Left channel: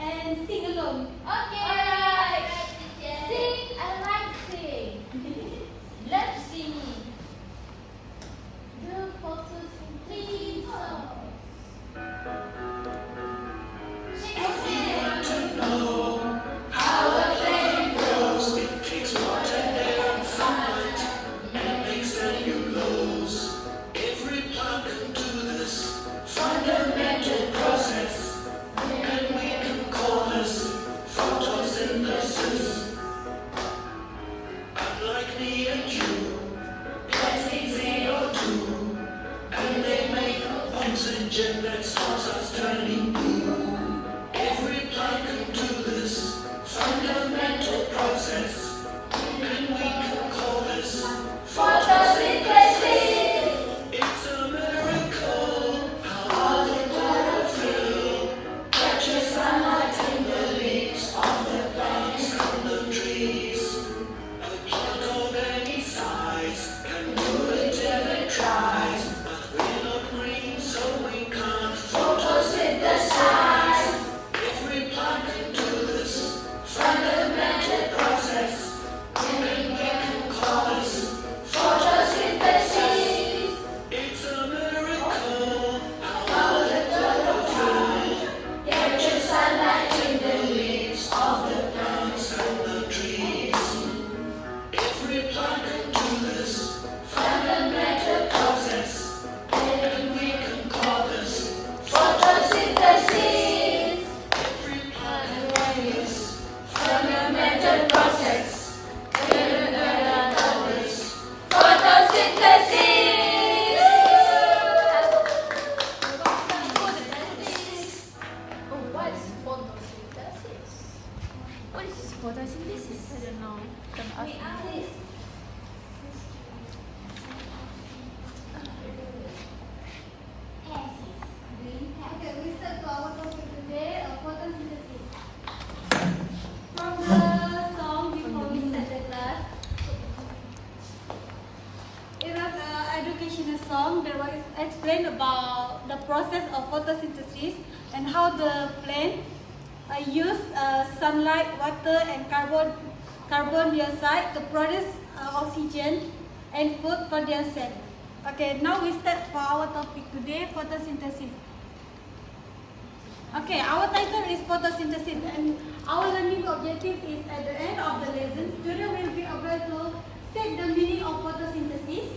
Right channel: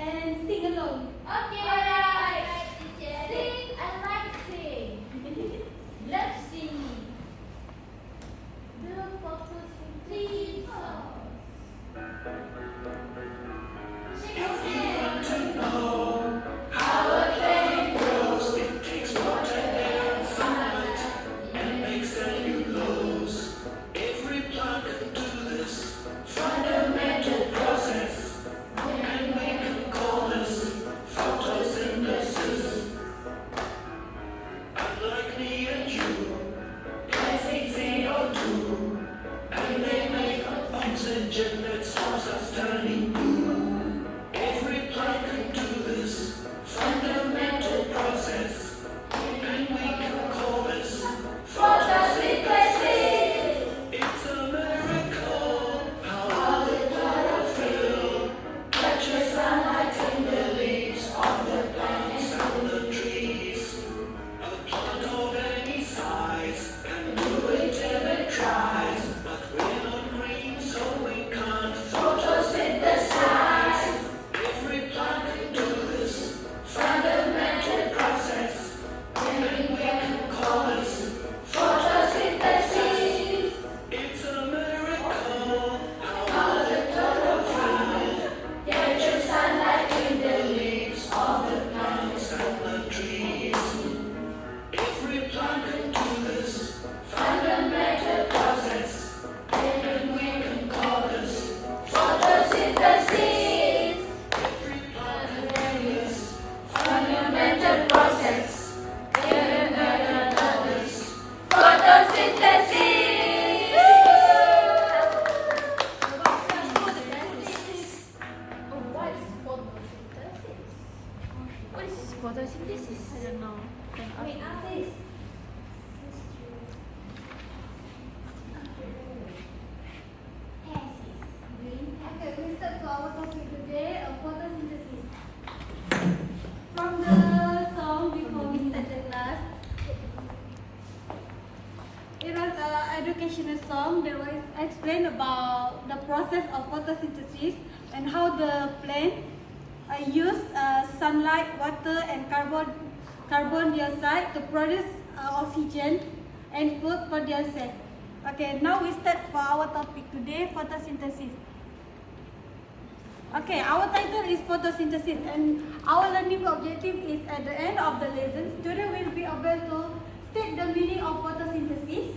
and sing along. Okay, alright. Sing, I like sing. Love singing. The photosynthesis song. If you want to know how a plant grows, it takes water, air, and sunlight, and makes cellulose. Every plant can do this fundamental process, and we can call this photosynthesis. Unlike me and you, plants need CO2, and they make oxygen that stops us turning blue. Every plant can do this fundamental process, and we can call this Photosynthesis. It's a miracle how the chlorophyll catches sunlight in the leaves of the plants and the trees. A plant of any size can do it if it tries, but we're not green, so we can't photosynthesize. Every plant can do this fundamental process, and we can call this Photosynthesis. It's a miracle how the chlorophyll Capture sunlight in the leaves of the plants and the trees. Every plant can do this fundamental process, and we can call this photosynthesis. every plant can do this Fundamental process. photosynthesis. Photosynthesis. What is photosynthesis? What is photosynthesis? I don't know. Wait, ask this. Okay, we start to our topic today, photosynthesis. From the song before we start the class, it was an educational song that was explained about the process of photosynthesis and how the plant use sunlight, water, and carbon dioxide to produce oxygen and food for themselves. Okay, now we start for our topic today, photosynthesis. Okay, our title is photosynthesis, and our learning objective is at the end of the lesson, students will be able to state the meaning of photosynthesis,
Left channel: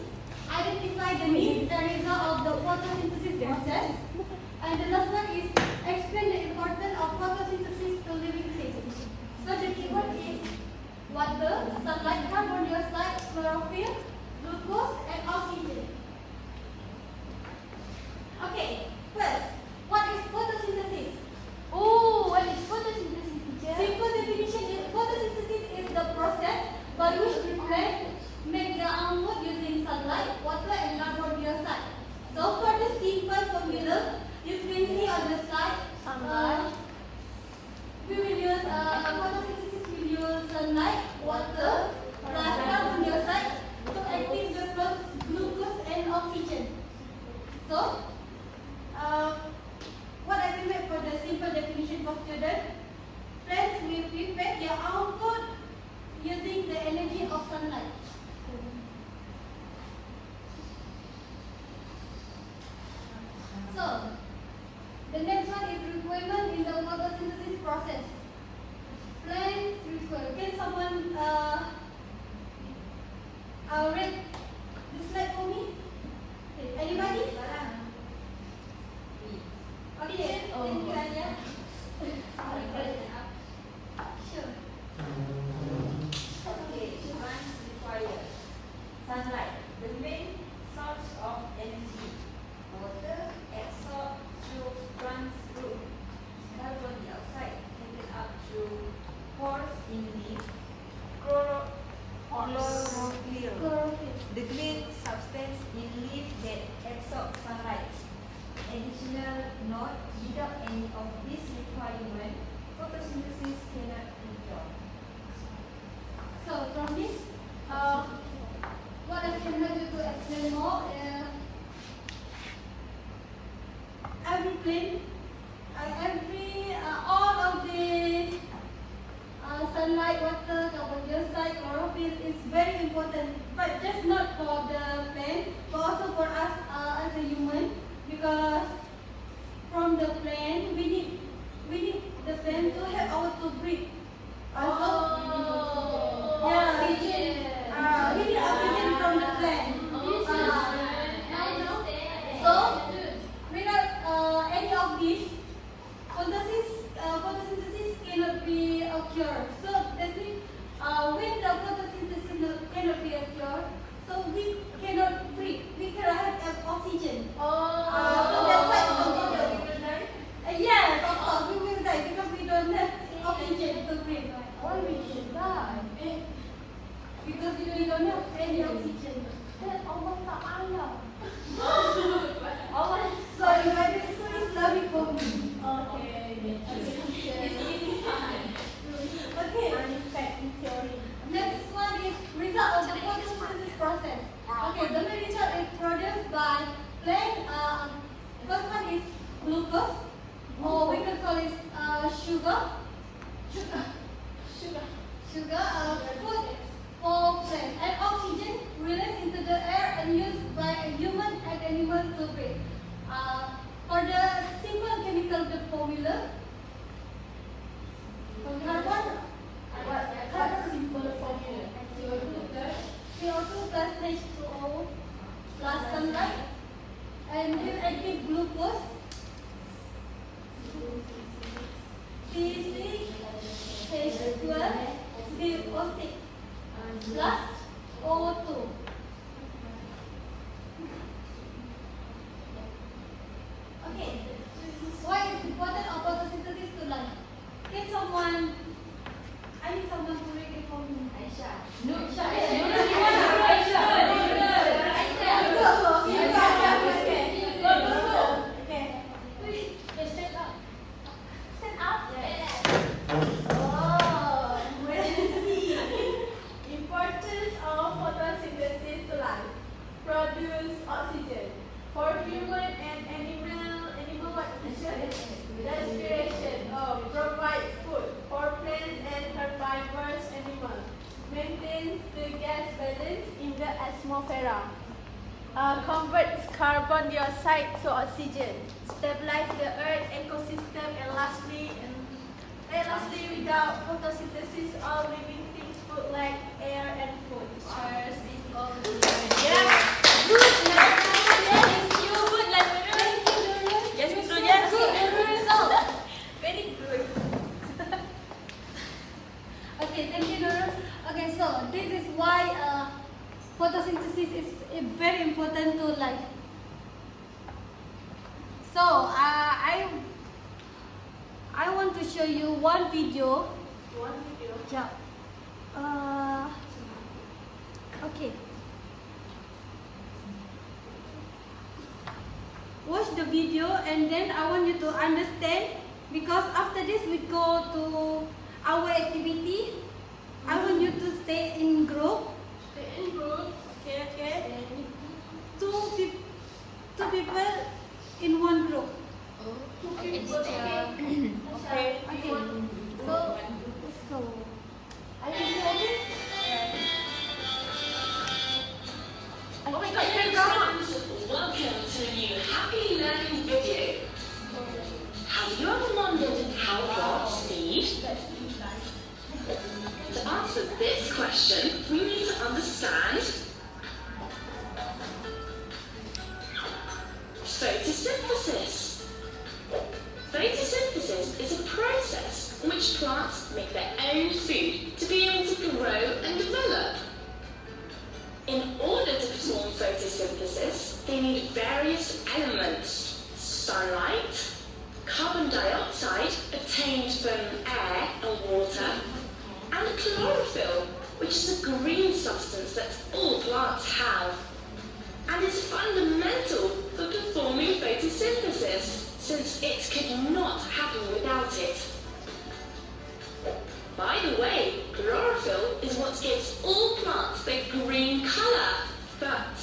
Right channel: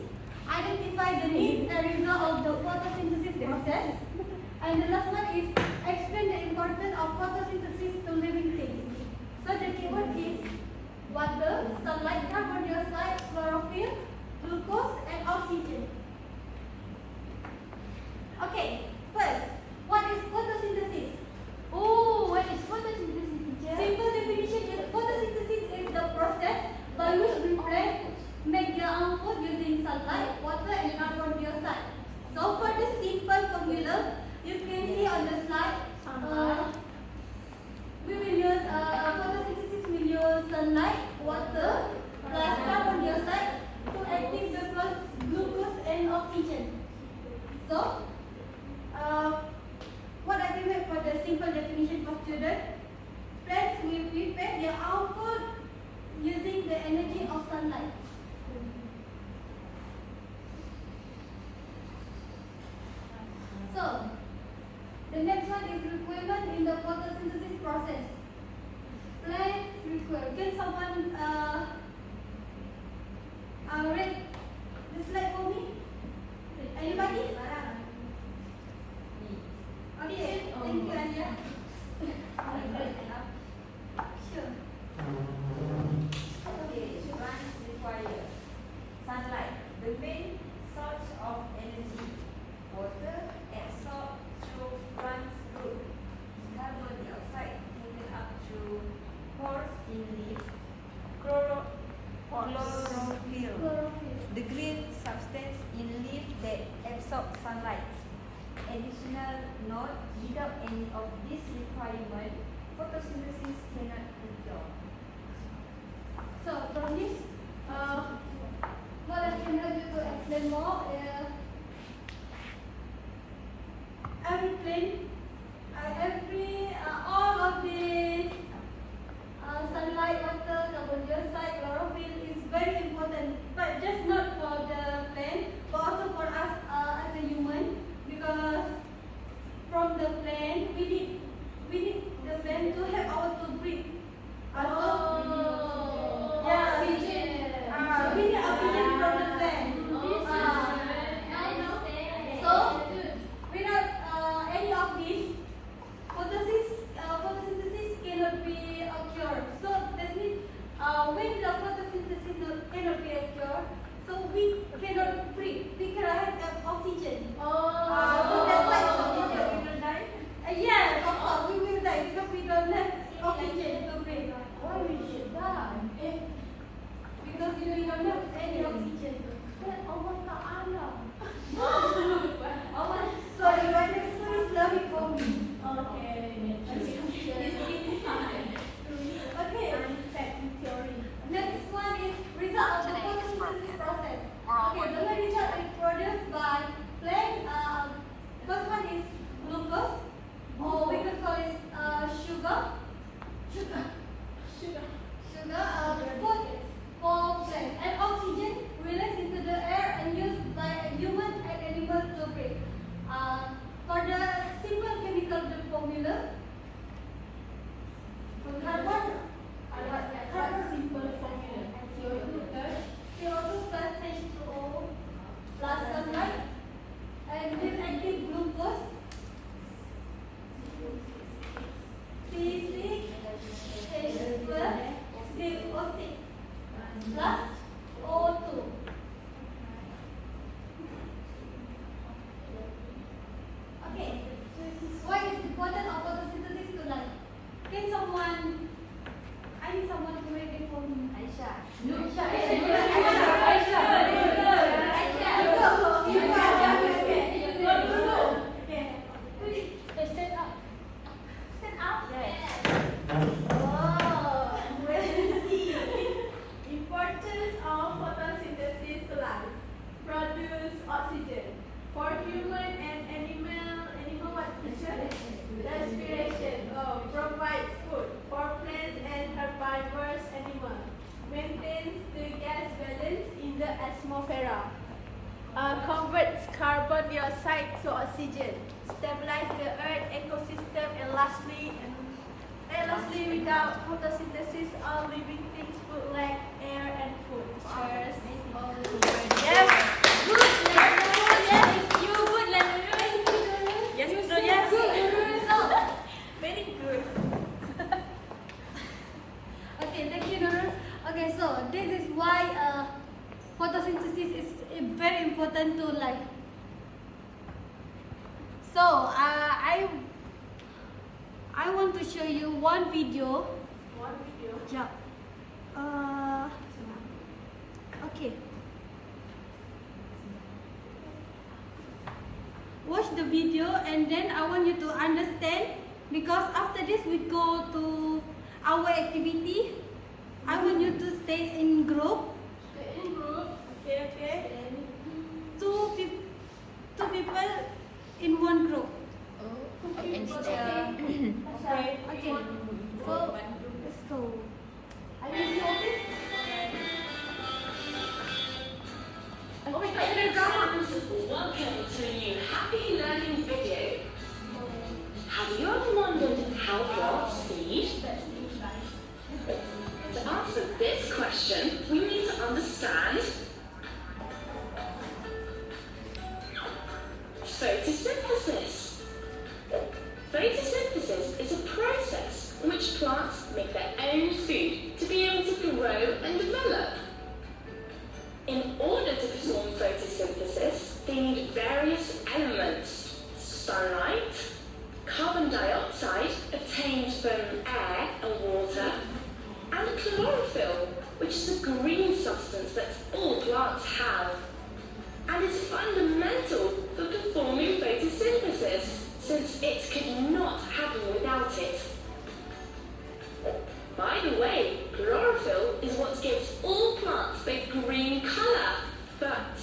identify the needs and result of the photosynthesis process, and the last one is explain the importance of photosynthesis to living things. So the keyword is water, sunlight, carbon dioxide, chlorophyll, glucose, and oxygen. Okay, first, what is photosynthesis? Oh, what is photosynthesis, teacher? Simple definition is photosynthesis is the process by which the plant make their own food using sunlight, water, and carbon dioxide. So for the simple formula, you can see on the slide. We will use photosynthesis will use sunlight, water, plus carbon dioxide to active the glucose and oxygen. So, what I can make for the simple definition for students, plants will prepare their own food using the energy of sunlight. So, the next one is requirement in the photosynthesis process. Plants require. Can someone read the slide for me? Okay, anybody? Okay, thank you, Anya. Sure. Okay, plants require sunlight, the main source of energy. Water absorbed through plants' root. Carbon dioxide taken up through pores in leaves. Chlorophyll, the green substance in leaf that absorbs sunlight. Additional note: without any of these requirements, photosynthesis cannot be done. So from this, what I can help you to explain more is every plant, all of the cannot be occurred. So that means when the photosynthesis cannot be occurred, so we cannot breathe. We cannot have oxygen. So that's why it's so important. Yes, of course we will die because we don't have oxygen to breathe. Why we should die? Because we don't have any oxygen. Then Allah Ta'ala. Sorry, my question is lovely for me. Okay. Okay. Next one is result of the photosynthesis process. Okay, the main result is produced by plant. First one is glucose, or we can call it sugar. Food for plant, and oxygen released into the air and used by a human and animal to breathe. For the simple chemical formula, carbon. Simple formula. CO2 plus H2O plus sunlight and with active glucose C6H12 glucose plus O2. Okay, why is important of photosynthesis to life? Can someone, I need someone to read it for me. Importance of photosynthesis to life. Produce oxygen. For human and animal what? Respiration. Provide food. For plants and herbivorous animals. Maintains the gas balance in the atmosphere. Converts carbon dioxide to oxygen. Stabilize the earth ecosystem and lastly, without photosynthesis, all living things would lack air and food. Cheers. Yes. You good, Yes. Good result. Very good. Okay, thank you, Nurul. Okay, so this is why photosynthesis is very important to life. So I want to show you one video. Yeah. Okay. Watch the video and then I want you to understand, because after this we go to our activity. I want you to stay in group. Okay. Two people in one group. Okay. Okay. So let's go. Oh my God, you're drama. Welcome to a new Happy Learning video. Have you ever wondered how plants feed? To answer this question, we need to understand photosynthesis. Photosynthesis is a process in which plants make their own food to be able to grow and develop. In order to perform photosynthesis, they need various elements: sunlight, carbon dioxide obtained from air and water, and chlorophyll, which is a green substance that all plants have, and is fundamental for performing photosynthesis, since it could not happen without it. By the way, chlorophyll is what gives all plants their green colour. But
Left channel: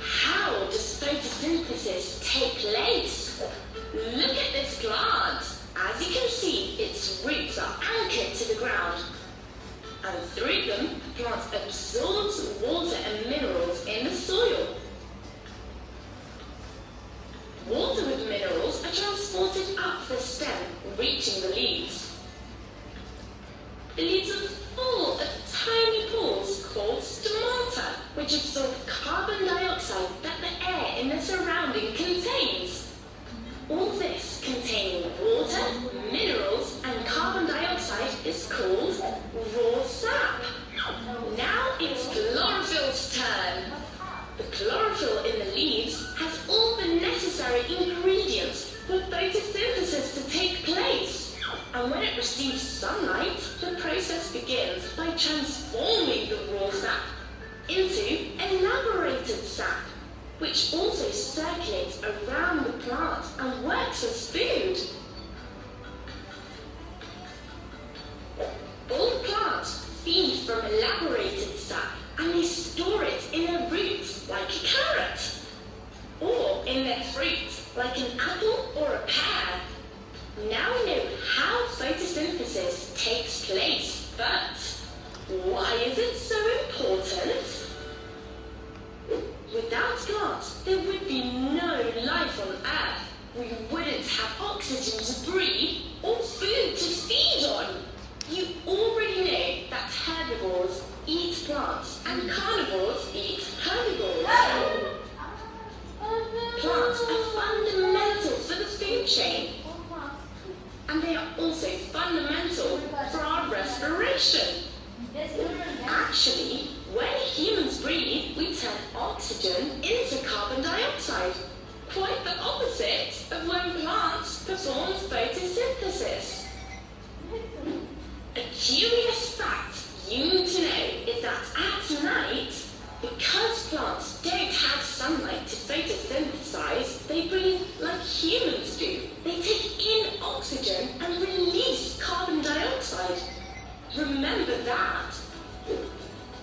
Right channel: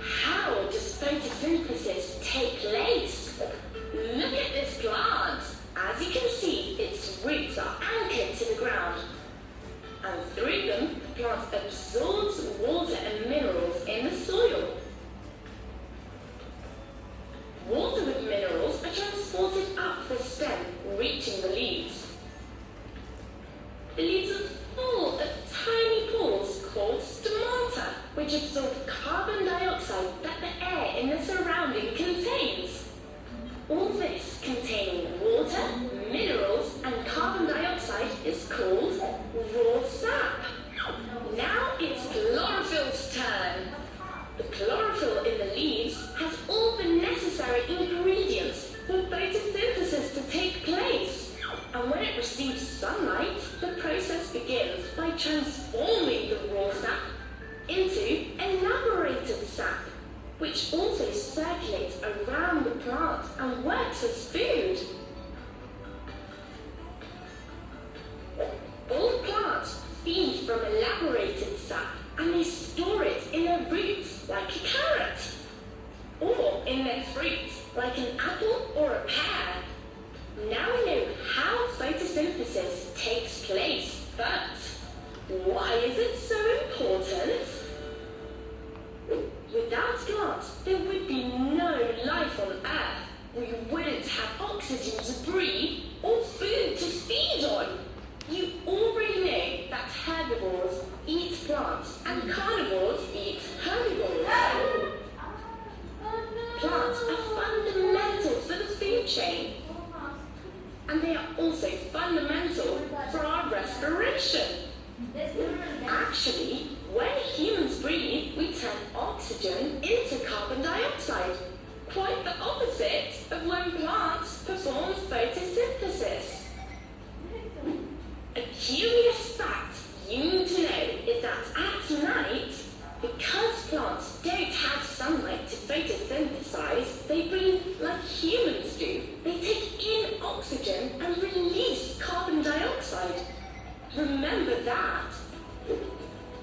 how does photosynthesis take place? Look at this plant. As you can see, its roots are anchored to the ground. And through them, the plant absorbs water and minerals in the soil. Water with minerals are transported up the stem, reaching the leaves. The leaves are full of tiny pores called stomata, which absorb carbon dioxide that the air in the surrounding contains. All this containing water, minerals, and carbon dioxide raw sap. Now it's chlorophyll's turn. The chlorophyll in the leaves has all the necessary ingredients for photosynthesis to take place. And when it receives sunlight, the process begins by transforming the raw sap into elaborated sap, which also circulates around the plant and works as food. All plants feed from elaborated sap, and they store it in their roots like a carrot, or in their fruit like an apple or a pear. Now we know how photosynthesis takes place, but why is it so important? Without plants, there would be no life on Earth. We wouldn't have oxygen to breathe or food to feed on. You already know that herbivores eat plants and carnivores eat herbivores. Plants are fundamental for the food chain, and they are also fundamental for our respiration. Actually, when humans breathe, we turn oxygen into carbon dioxide, quite the opposite of when plants perform photosynthesis. A curious fact you need to know is that at night, because plants don't have sunlight to photosynthesize, they breathe like humans do. They take in oxygen and release carbon dioxide. Remember that.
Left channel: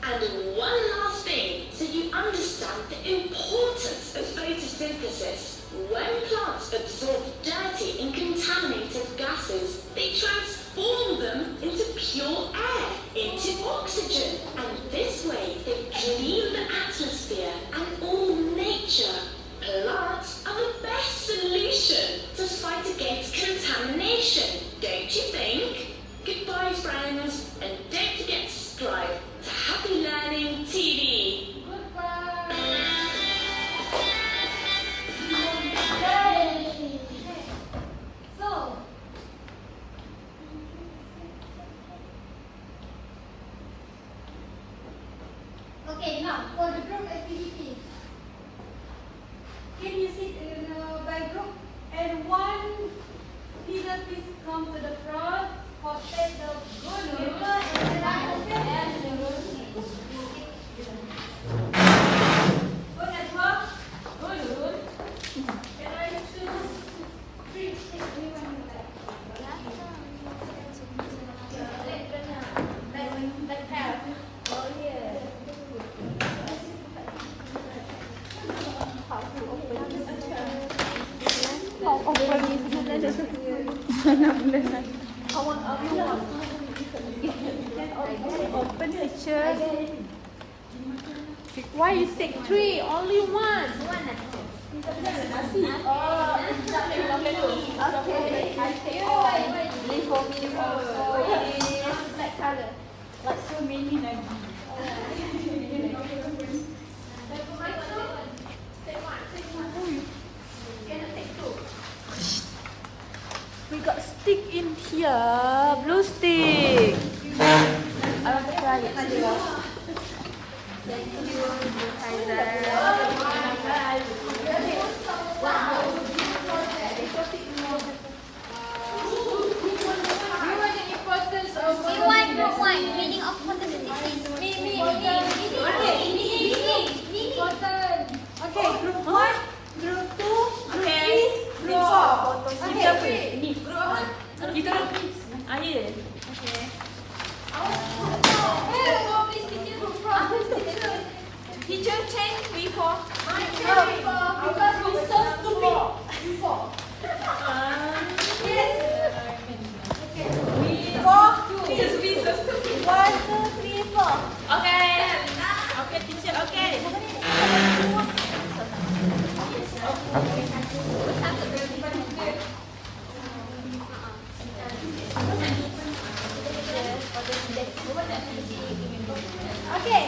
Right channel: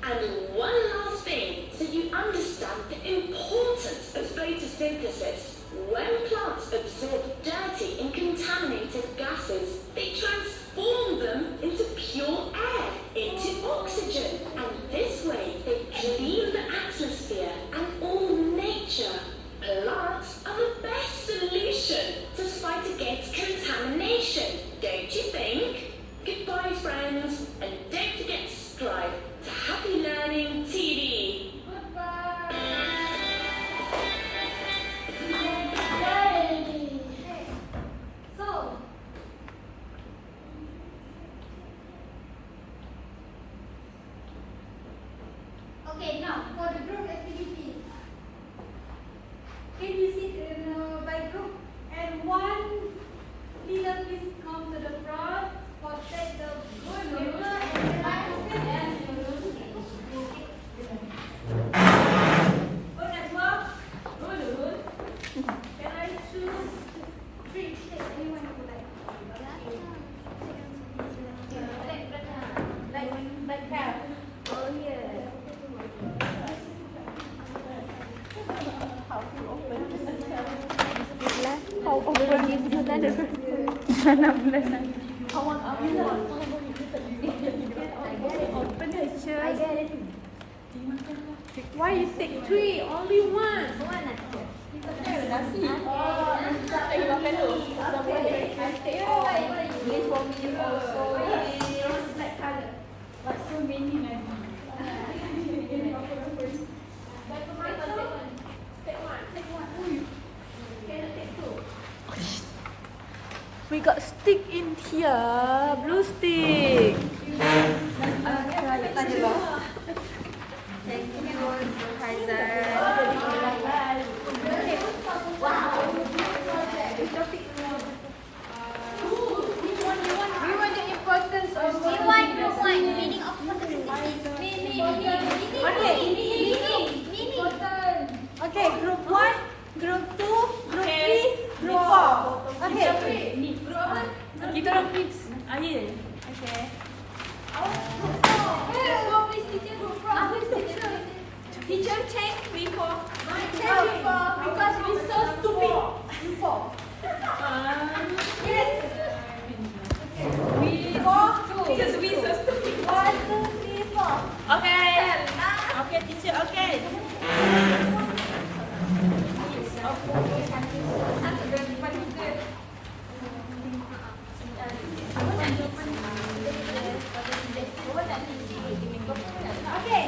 And one last thing, so you understand the importance of photosynthesis. When plants absorb dirty and contaminated gases, they transform them into pure air, into oxygen. And this way, they clean the atmosphere and all nature. Plants are the best solution to fight against contamination, don't you think? Goodbye, friends, and don't forget to subscribe to Happy Learning TV. So, okay, now for the group activity, can you sit by group and one leader please come to the front for take the good paper and write the Why you take three? Only one. Okay, I take all. Leave for me also. Black color. Like so many like. We got stick in here, blue stick. Thank you, Kaiser. We want the importance of photosynthesis. meaning of photosynthesis. Okay, group 1, group 2, group 3, group 4. Okay. Kita orang mix. Yeah. Okay. Teacher change we for. Because we so stupid. You 4. Yes. We 4, 2. Because we so stupid. 1, 2, 3, 4. Okay. Okay, teacher. Okay. Okay,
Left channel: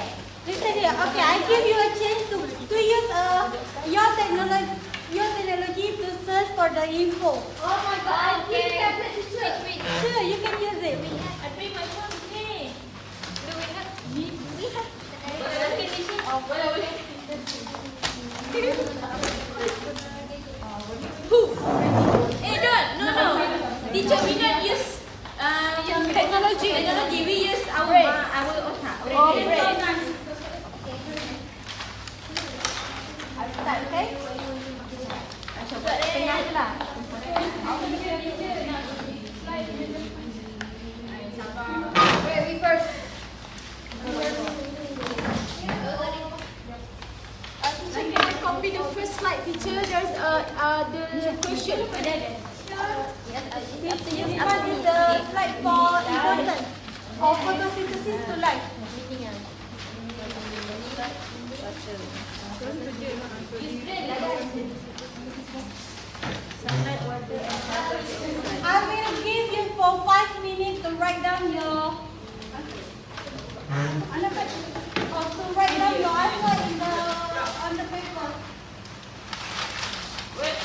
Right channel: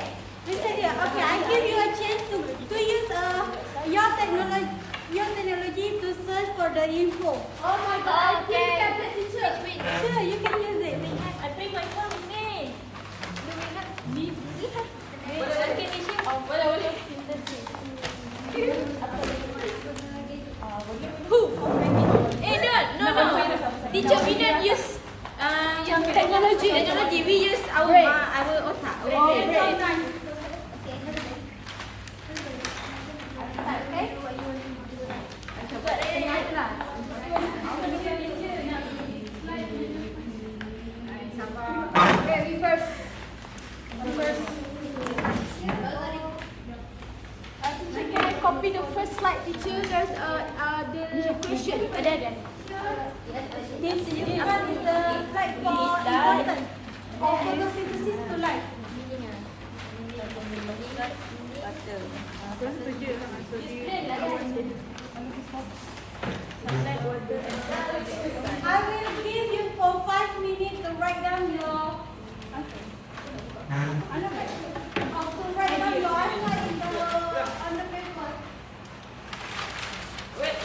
listen here. Okay, I give you a chance to use your technology to search for the info. Oh my God. Okay. Sure, you can use it. I bring my phone with me. Teacher, we don't use technology. We use our otak. Our brain. Okay? Wait, we first. Teacher, can I copy the first slide, teacher? There's the question. Ada. This one is the slide for importance of photosynthesis to life. I will give you for 5 minutes to write down your answer in on the paper. Wait.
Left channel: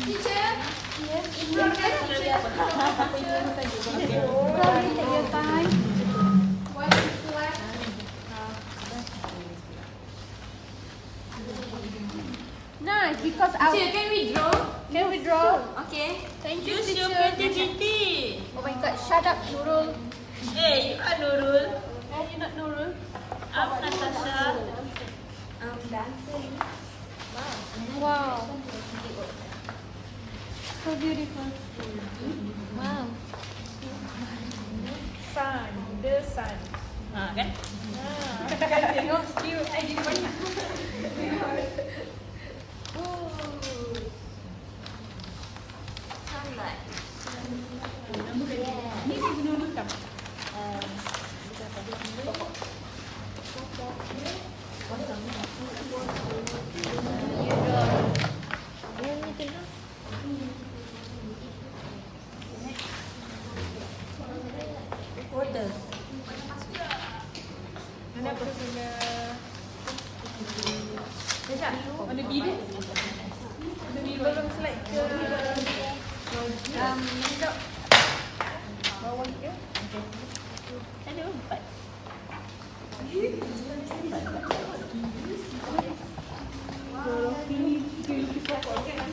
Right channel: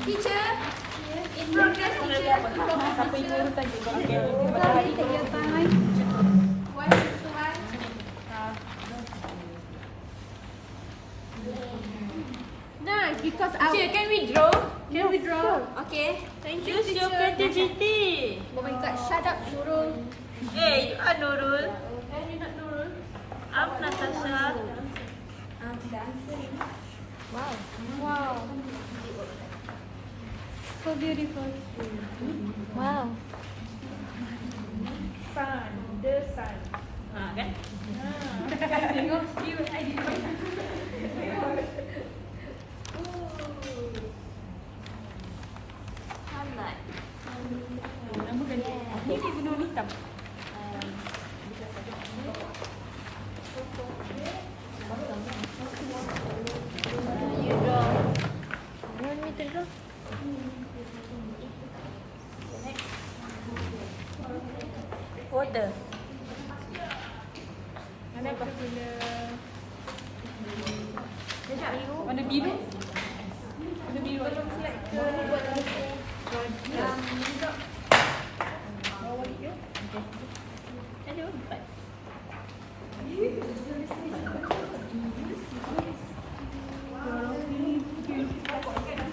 Teacher, in progress, teacher. Slowly take your time. One is to one. Nice, because our... Teacher, can we draw? Can we draw? Okay. Thank you, teacher. Use your creativity. Oh my God, shut up, Nurul. Hey, you are Nurul. You're not Nurul. I'm Natasha. Wow. So beautiful. Wow. Sun, the sun. Kan? Tengok, you, I did banyak. Sunlight. Water. Mana apa? Mana biru? Belum slide ke bawah dia? Okay. Ada 4. Kalau sini pokok kan?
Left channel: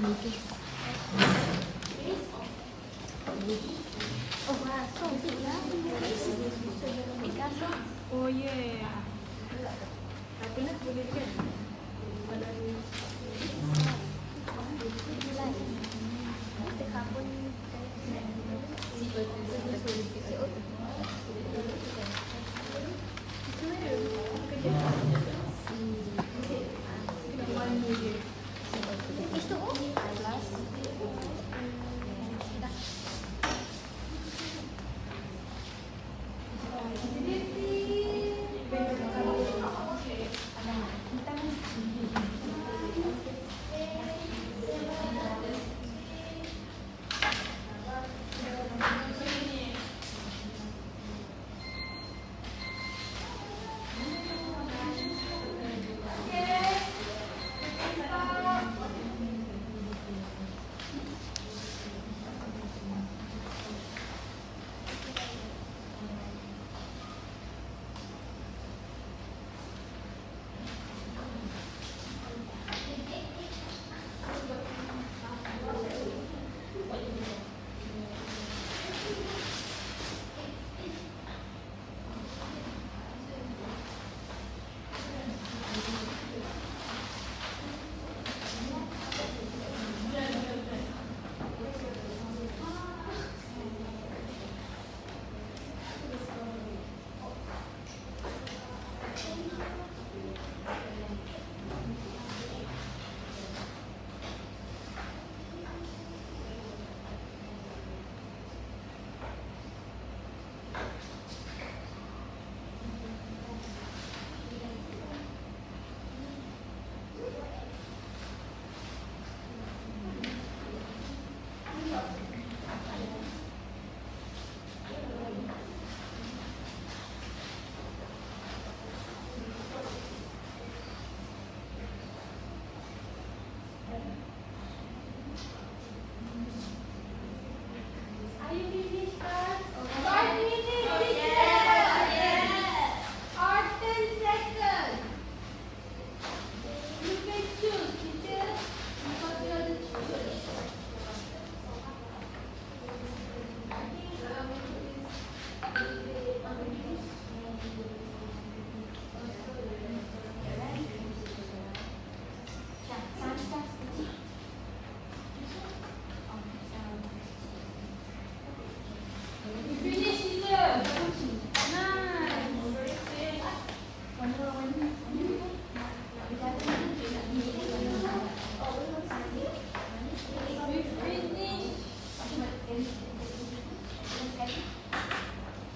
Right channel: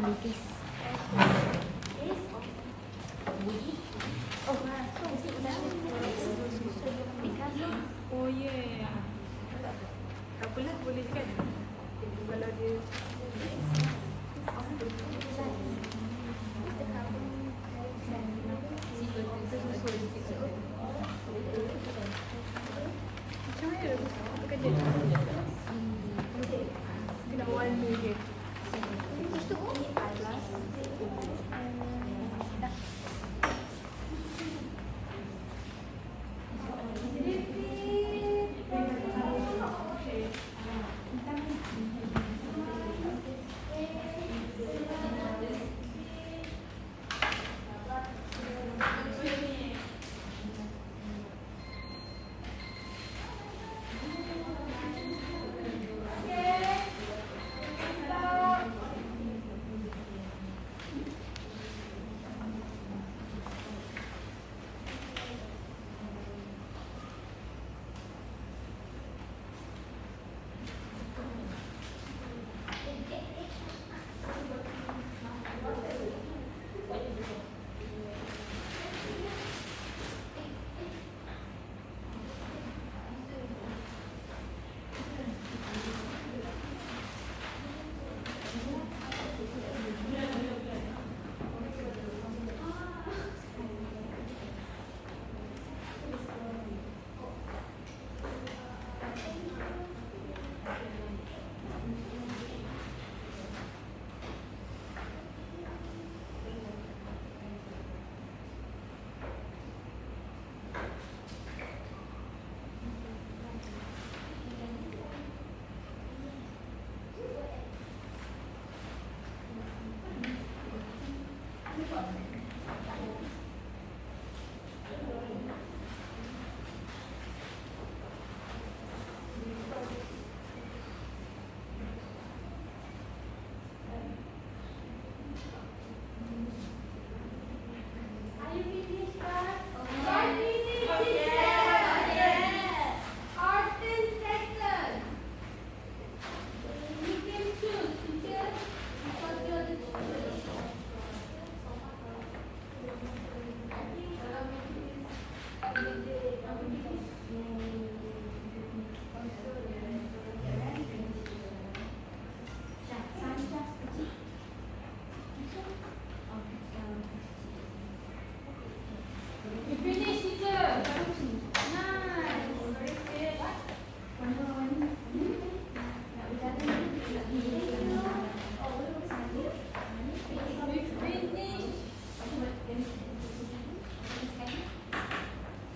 Oh yeah. Tak apalah, boleh kan? Kalau dia kena warna dia.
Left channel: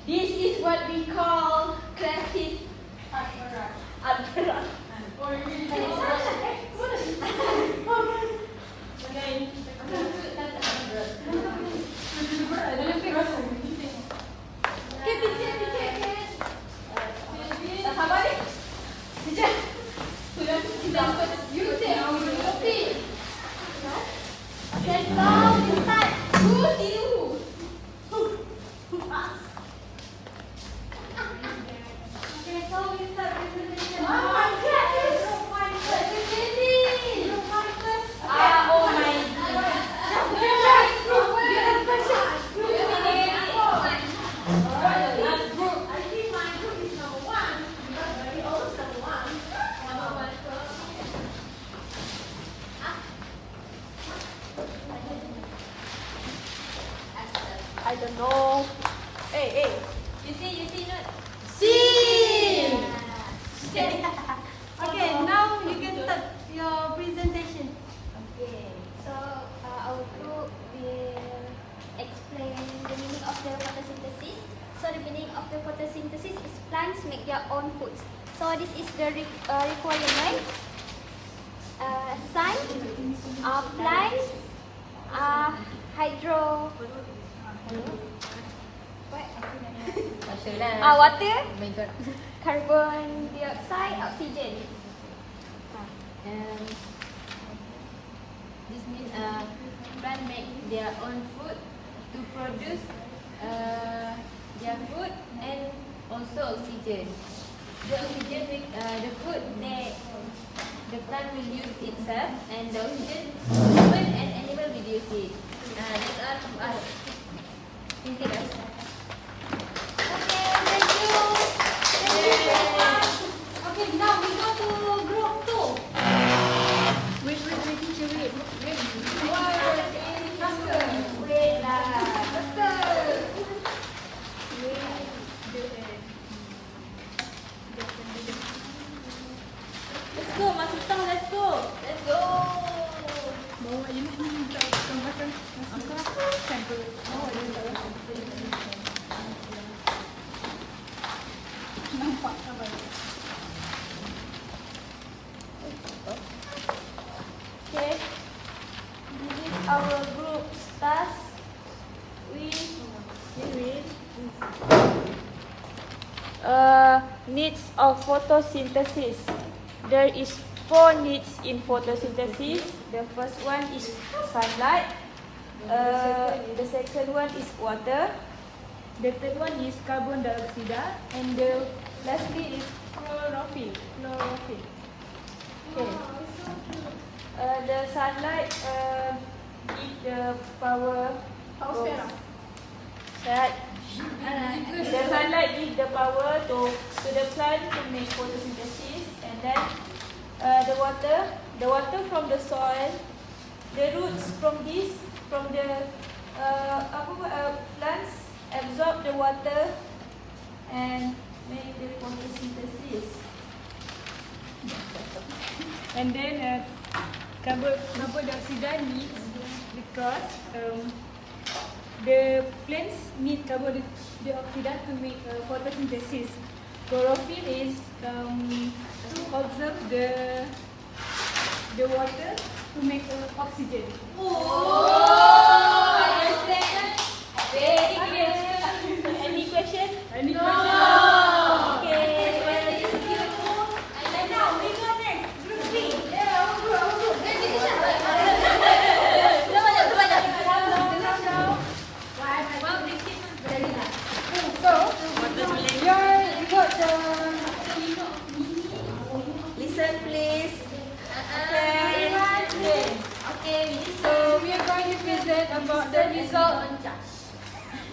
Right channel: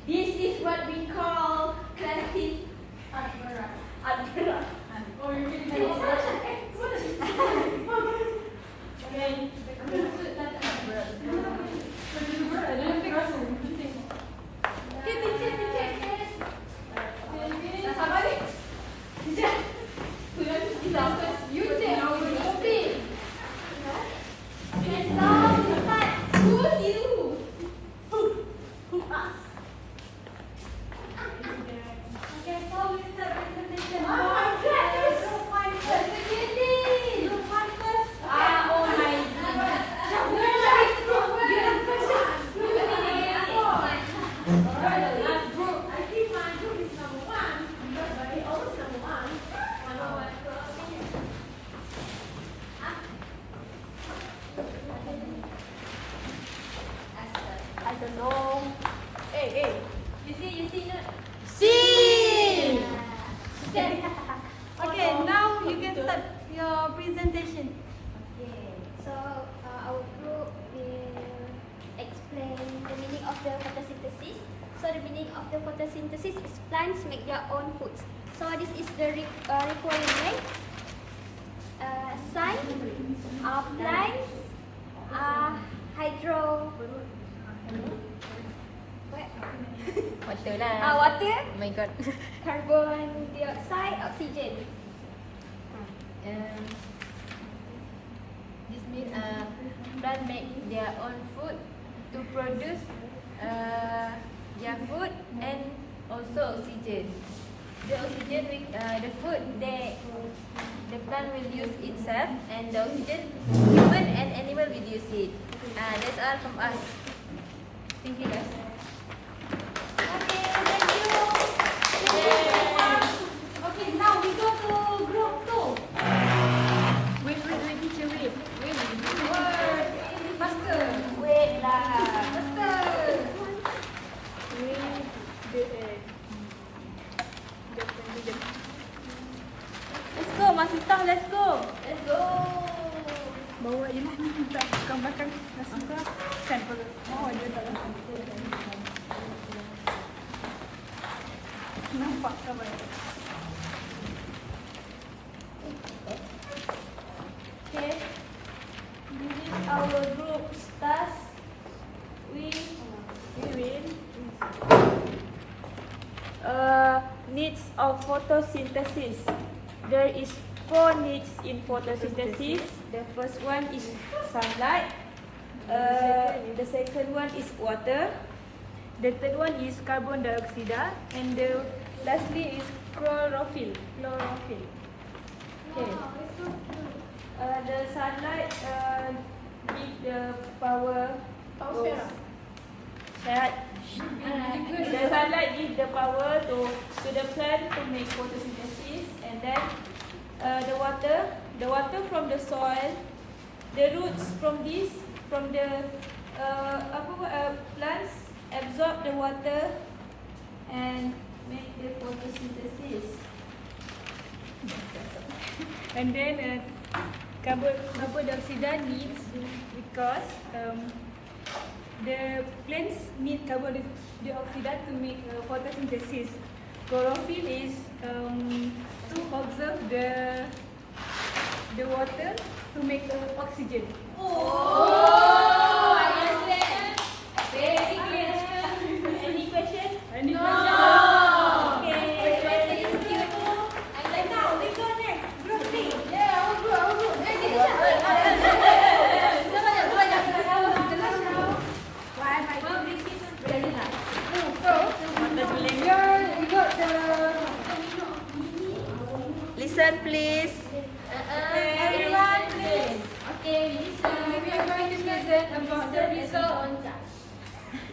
This is what we call creative art. Okay, so we start presentation. I don't know. Hey, you see not? See. Okay, now you can start your presentation. Okay, so our group will explain the meaning of the photosynthesis. So the meaning of the photosynthesis is plants make their own foods. So this is the requirement. Sun, plants, hydro. What? Water lah. Water, Oh my god. carbon dioxide, oxygen. This means plant make their own food to produce their food and also oxygen. The oxygen with the food the plant will use itself, and the oxygen human and animal will use it. That's all from us. Thank you guys. Okay, thank you. Thank you very much. Okay, now we go to group 2. Wait. Faster. Let's go, Masita, let's go. Bawa je lah, minta gambarkan. Angkat. Nampak tak? Okay. This is our group task. We will needs of photosynthesis. There is 4 needs in photosynthesis. The first one is sunlight. The second one is water. The third one is carbon dioxide, and the lastly is chlorophyll. Okay. The sunlight give the power. The sunlight give the power to the plant to make photosynthesis, and then the water from the soil, the roots from the plants absorb the water and make the photosynthesis. And then carbon dioxide needs because the plants need carbon dioxide to make photosynthesis. Chlorophyll is observe the water to make oxygen. I understand. Very clear. Any question? Any question? Okay. And now we go next. Group 3. You got the. Listen, please. Okay, so we are going to present about the result.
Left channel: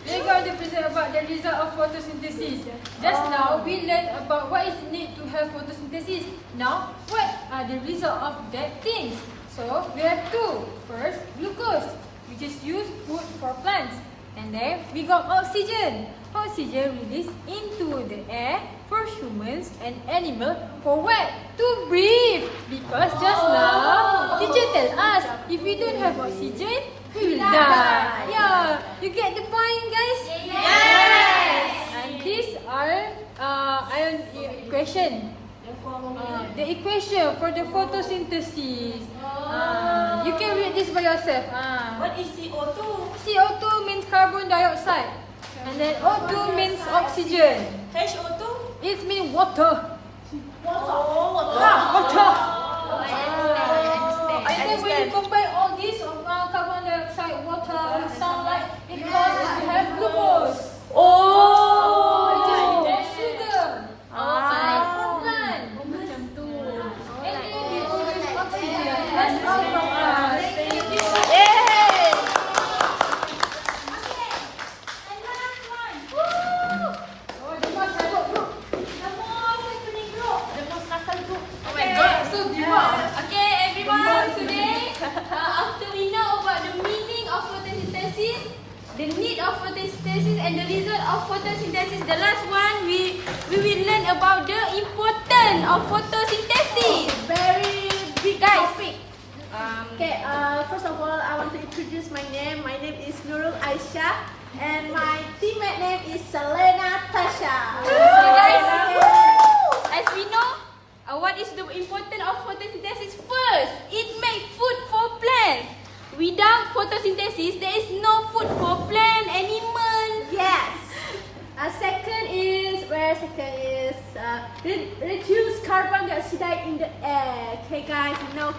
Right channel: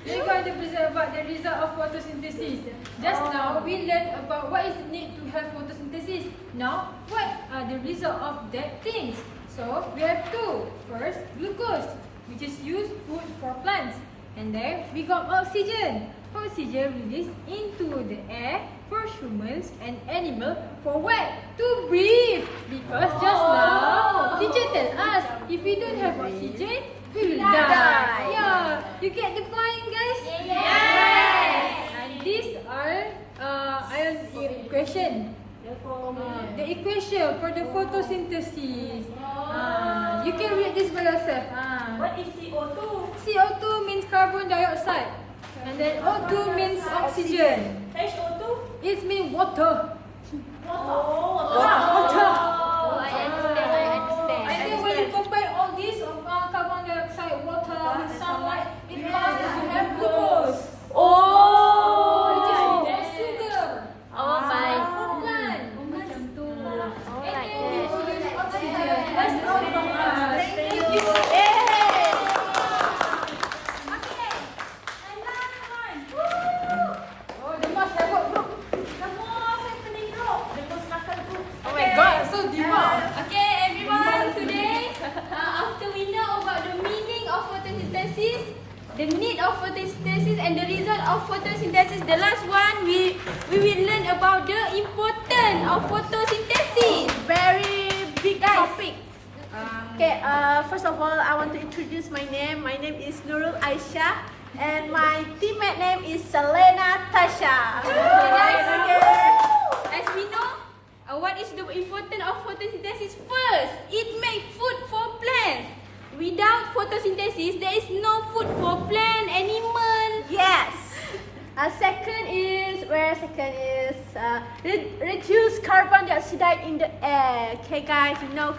We are going to present about the result of photosynthesis. Just now we learned about what is needed to have photosynthesis. Now, what are the result of that things? So we have 2. First, glucose, which is used food for plants, and then we got oxygen. Oxygen released into the air for humans and animals for what? To breathe. Because just now, teacher tell us if we don't have oxygen, we will die. Yeah, you get the point, guys? Yes. And these are equation. The equation for the photosynthesis. You can read this by yourself. What is CO2? CO2 means carbon dioxide. And then O2 means oxygen. HO2? It means water. Water. And then when you combine all these carbon dioxide, water, and sunlight, it causes to have glucose. Which is more sugar. For plant. And then we produce oxygen. That's all from us. Thank you. Okay, everyone, today, after we know about the meaning of photosynthesis, the need of photosynthesis and the result of photosynthesis, the last one, we will learn about the importance of photosynthesis. Very big topic. Okay, first of all, I want to introduce my name. My name is Nurul Aisyah, and my teammate name is Selena Tasha. So guys, as we know, what is the importance of photosynthesis? First, it makes food for plants. Without photosynthesis, there is no food for plant, animal. Yes. Second is reduce carbon dioxide in the air. Okay, guys, you know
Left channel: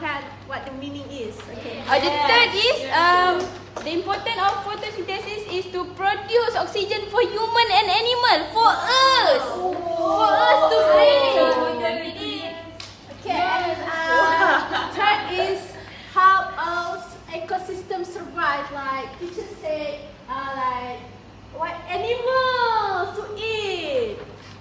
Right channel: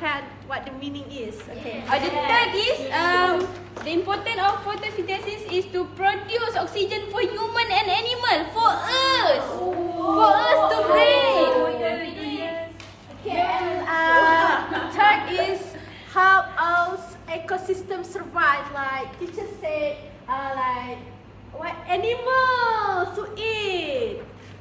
what the meaning is. Okay. The third is the importance of photosynthesis is to produce oxygen for human and animal, for us to breathe. Okay, and animals to eat.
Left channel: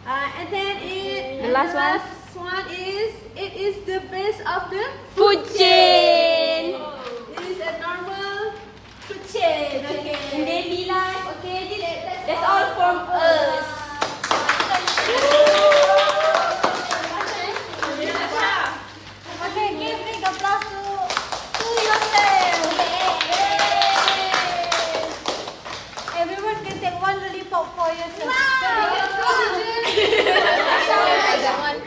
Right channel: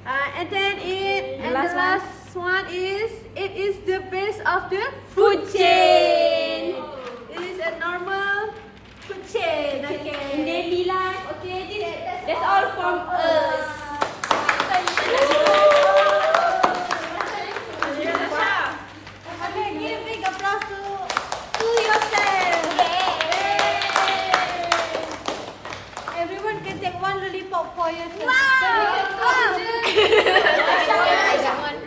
And then the last one is it is the base of the food chain. It is a normal food chain. Okay. In daily life. Okay, that's all from us. Okay, give big applause to yourself. Everyone can take one lollipop for yourself. I got one.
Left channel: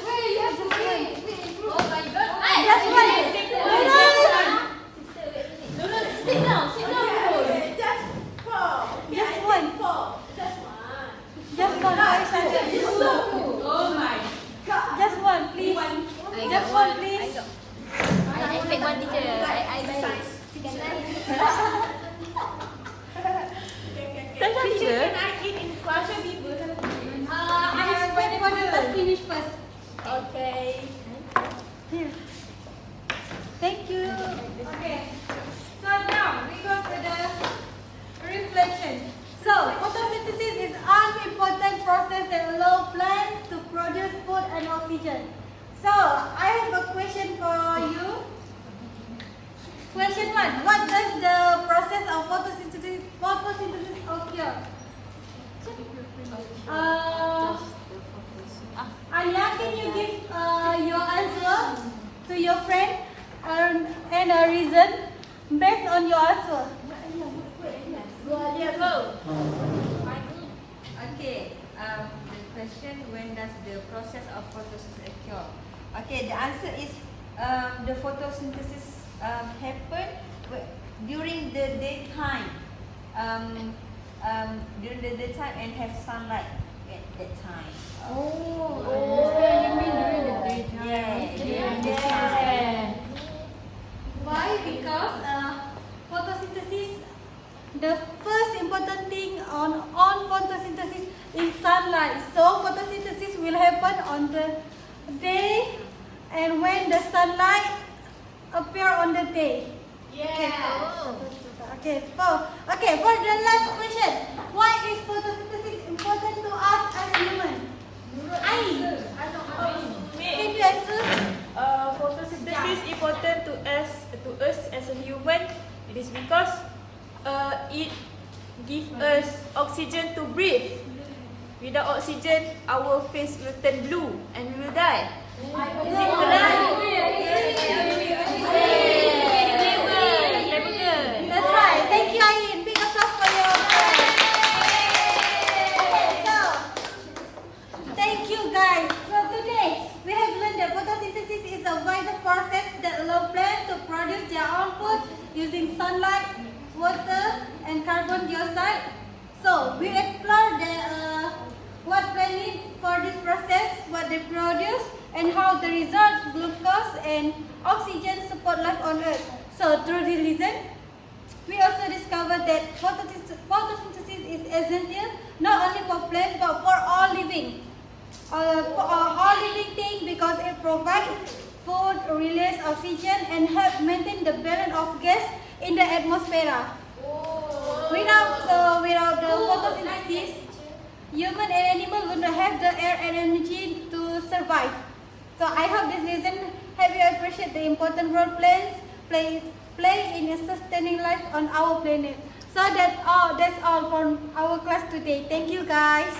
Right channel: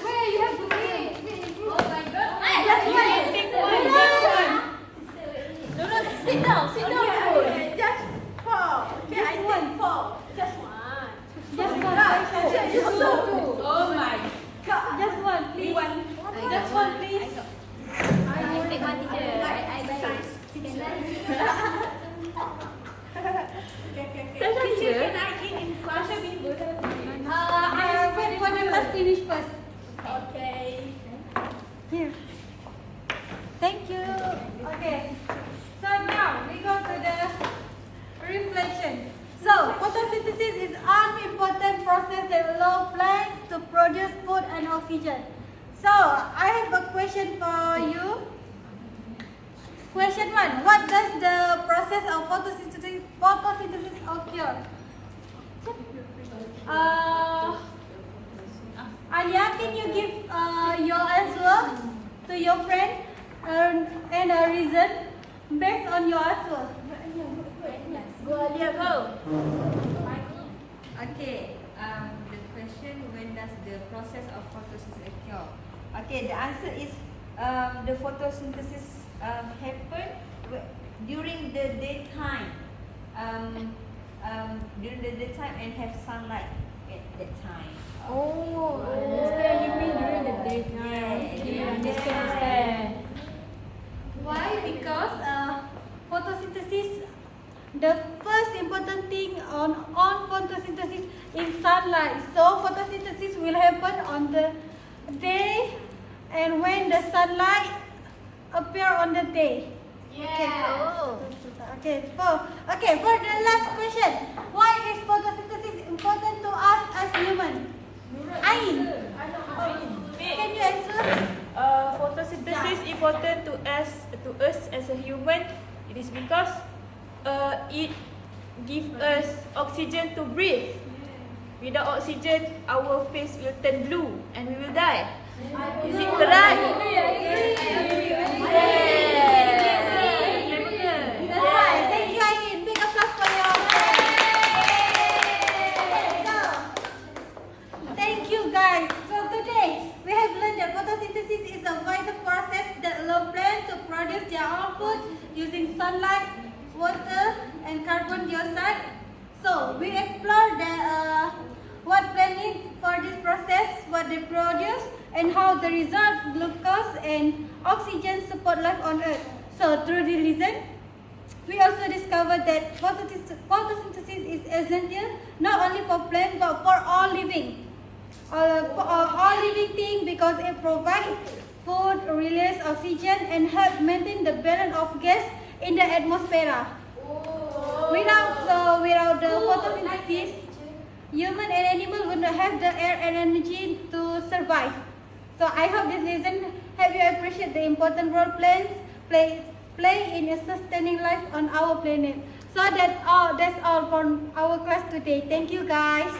Where you have to wait. Oh my god. That's right. Sit down. Just four. Just one. Just one. Just one. Just one. Oh my. Just one, please. Just one, please. I pick one teacher. I buy Can I eat in closer? I expect one of us finish first. Okay. Here. Thank you. Okay. So now we go to the reflection. So photosynthesis is an important process that allows plants to produce food and oxygen. So I have a question for you. Question 1. What does the process of photosynthesis occur? Anya, can you give your answer to your friend and a reason based on your answer? Okay. The question, when does the process of photosynthesis occur? Okay, the answer is the photosynthesis happen during the daytime. During the daytime and have sunlight at that time. Oh, understand. You mean during the daytime? Okay, understand. Why? Because photosynthesis, the first important thing on photosynthesis is sunlight. So photosynthesis will happen on the day and when the sunlight appear on the day. Okay, for the last question, why is photosynthesis important to us as humans? Ain, can you answer? Photosynthesis important to us as a human. It is because it gives us oxygen to breathe. Without oxygen, our face will turn blue and we will die. Is it correct? That's right. Thank you, Ain. Big applause for your friend. Thank you, guys. So today we have learned that photosynthesis is a vital process that allows plants to produce their own food using sunlight, water, and carbon dioxide. So we explored what plants need for this process, what they produce, and how the results, glucose and oxygen, support life on Earth. So through this lesson, we also discovered that photosynthesis is essential not only for plants but for all living. For all living things, because it provides food, release oxygen, and help maintain the balance of gas in the atmosphere. Without the photosynthesis, human and animal would not have the air and energy to survive. So I hope this lesson help you appreciate the important role plants play in sustaining life on our planet. So that's all from our class today. Thank you, guys.